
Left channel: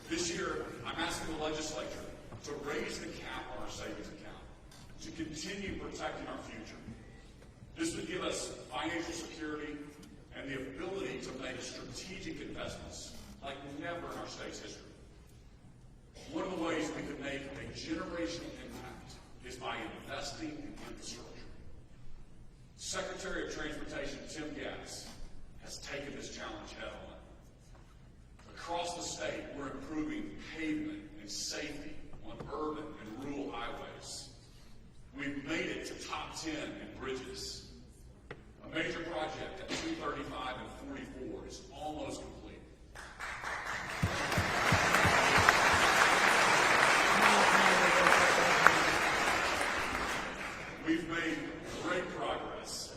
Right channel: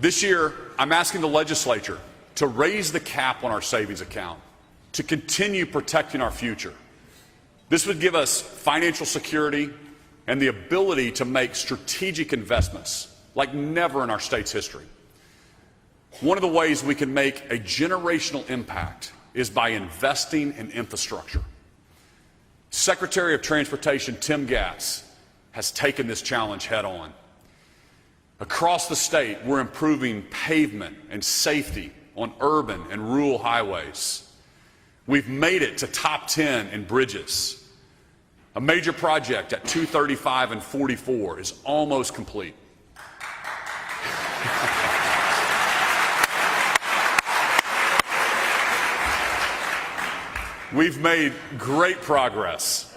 This year, I'm asking the legislature to raise the cap on our savings account to continue protecting our future. This would give us financial security and the ability to make strategic investments like never in our state's history. One of the ways we can make a generational impact is by investing in infrastructure. Secretary of Transportation Tim Gatz has taken this challenge head on. Across the state, we're improving pavement and safety on urban and rural highways. We've made it to top 10 in bridges. A major project at 235 and 44 is almost complete. We've made great progress,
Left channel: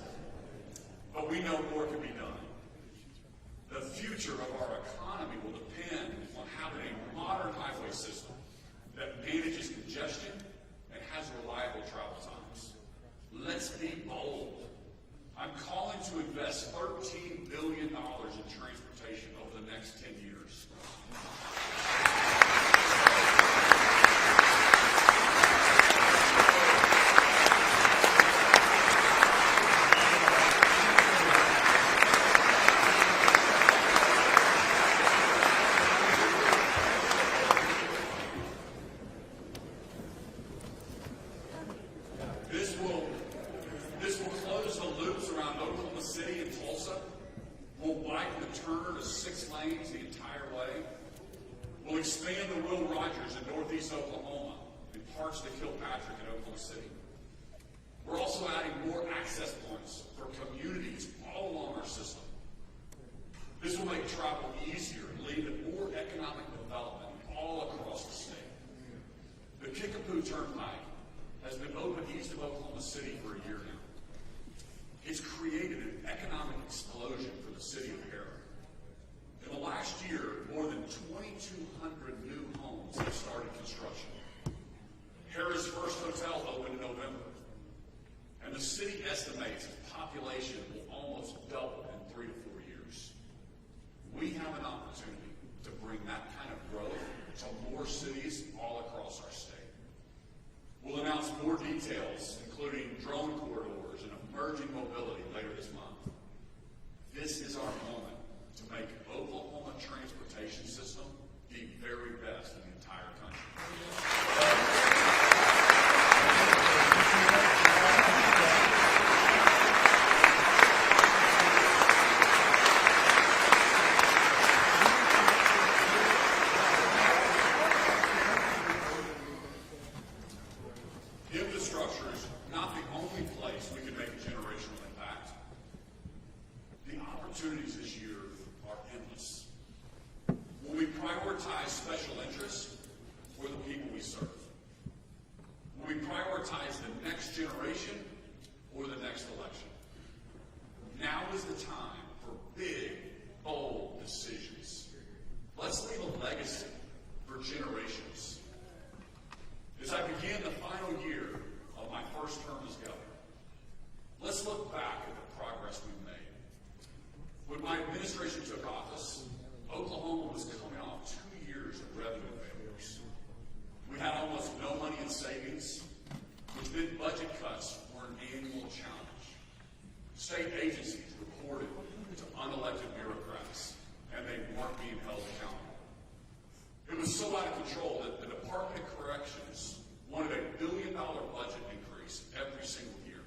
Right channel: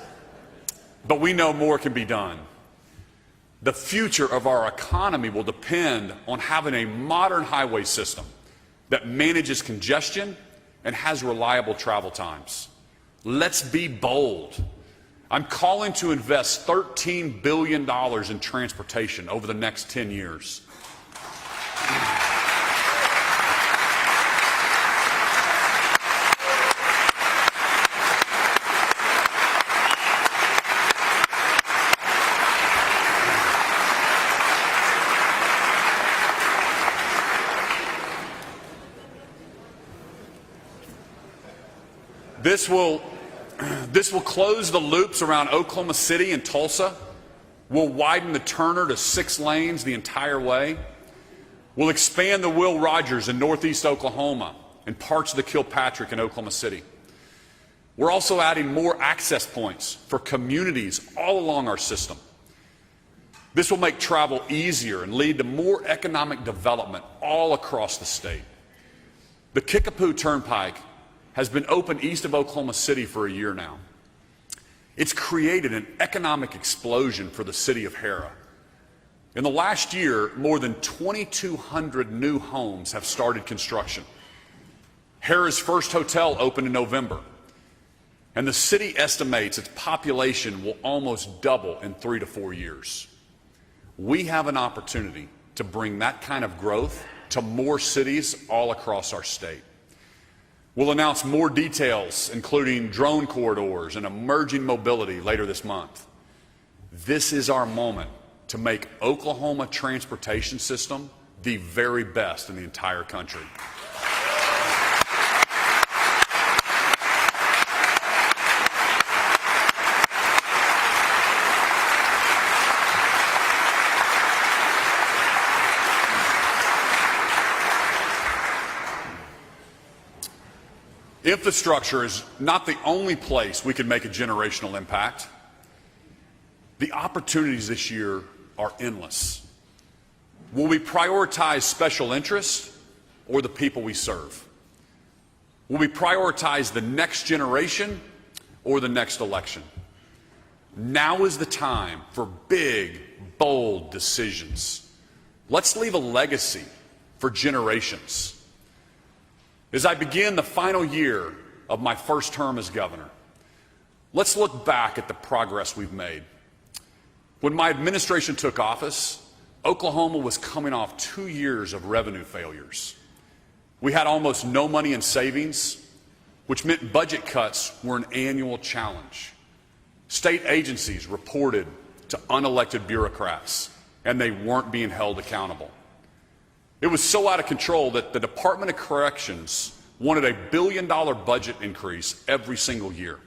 but we know more can be done. The future of our economy will depend on having a modern highway system that manages congestion and has reliable travel times. Let's be bold. I'm calling to invest $13 billion in transportation over the next 10 years. This will close the loops around Oklahoma City and Tulsa. We'll widen the Turner to 6 lanes the entire way. We'll expand the Will Rogers in northeast Oklahoma and parts of the Kilpatrick in Oklahoma City. We're also adding more access points for communities all along our system. This will make travel easier and lead to more economic development all across the state. The Kickapoo Turnpike has been open east of Oklahoma City for a year now. It's created an economic explosion for the city of Hera. In the last year, more than 2,200 new homes have started construction. Hera's first hotel opened in November, and the city estimates its population will almost double in 3 to 4 years. We have an opportunity to bring that kind of growth to more cities all across our state. We'll announce more details, including drone corridors and emerging mobility later this month. This is our moment to make Oklahoma transportation system the very best in the entire country. Infrastructure is not the only place we can make a generational impact. The opportunities this year are endless. Will we prioritize special interests or the people we serve? Will we prioritize the next generation or the next election? Now is the time for big, bold decisions. Let's leave a legacy for generations. As I begin the final year of my first term as governor, let's look back at the progress we've made. When my administration took office, Oklahoma was coming off 2 years of revenue failures. We had almost no money in savings, which meant budget cuts were an annual challenge. State agencies reported to unelected bureaucrats, and they weren't being held accountable. It was so out of control that the Department of Corrections wanted a $1 billion budget increase every single year.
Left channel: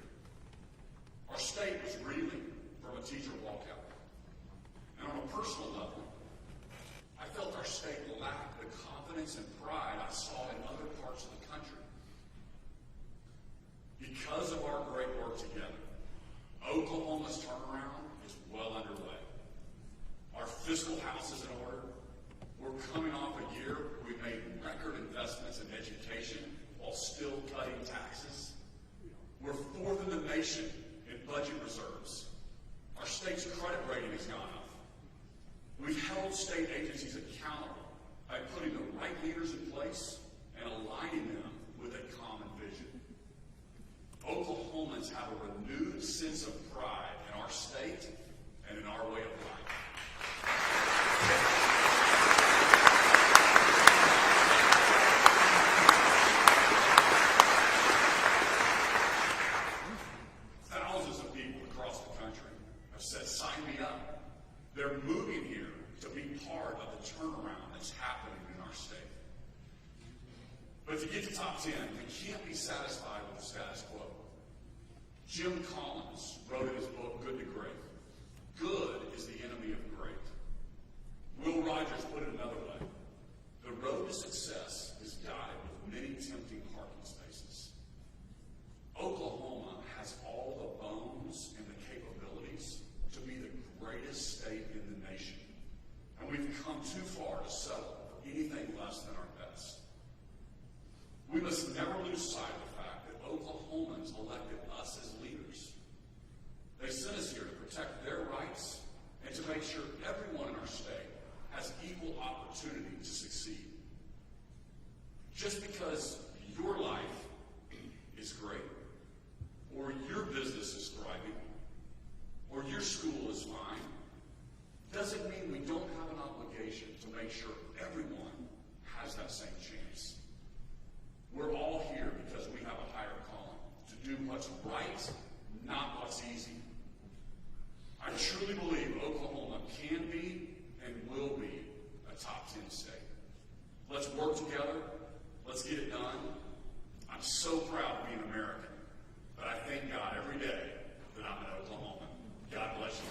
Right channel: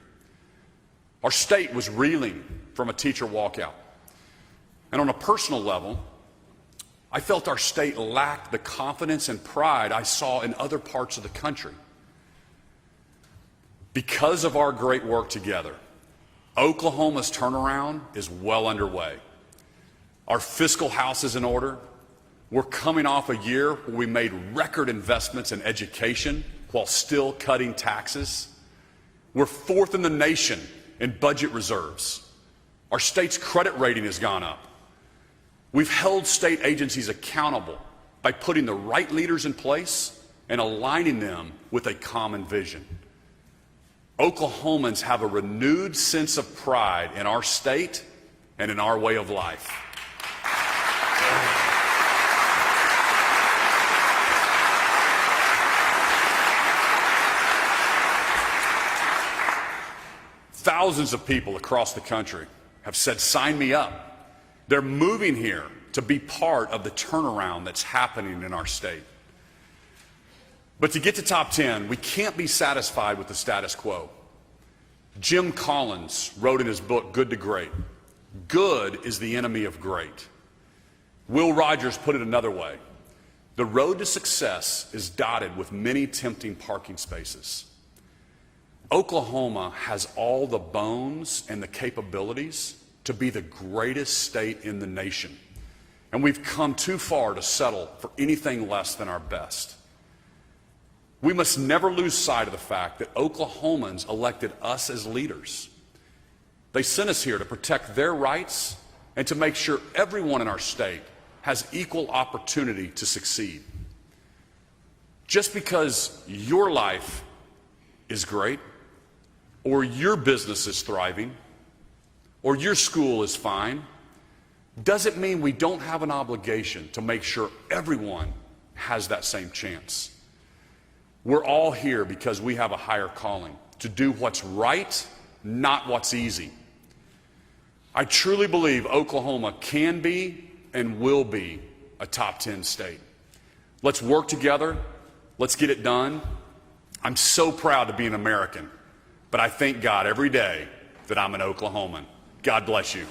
Our state was reeling from a teacher walkout. And on a personal level, I felt our state lacked the confidence and pride I saw in other parts of the country. Because of our great work together, Oklahoma's turnaround is well underway. Our fiscal house is in order. We're coming off a year where we made record investments in education while still cutting taxes. We're fourth in the nation in budget reserves. Our state's credit rating has gone up. We've held state agencies accountable by putting the right leaders in place and aligning them with a common vision. Oklahomans have a renewed sense of pride in our state and in our way of life. Thousands of people across the country have said, sign me up. They're moving here to be part of the turnaround that's happening in our state. But to get to top 10, we can't be satisfied with the status quo. Jim Collins wrote in his book, Good to Great, good is the enemy of great. Will Rogers put it another way. The road to success is dotted with many tempting parking spaces. Oklahoma has all the bones and the capabilities to be the greatest state in the nation. And we've come too far to settle for anything less than our best. We must never lose sight of the fact that Oklahomans elected us as leaders. They sent us here to protect their rights and to make sure everyone in our state has equal opportunity to succeed. Just because your life is great, or your business is thriving, or your school is fine, doesn't mean we don't have an obligation to make sure everyone has that same chance. We're all here because we have a higher calling to do what's right, not what's easy. I truly believe Oklahoma can be and will be a top 10 state. Let's work together. Let's get it done. I'm so proud to be an American, but I thank God every day that I'm an Oklahoman. God bless you.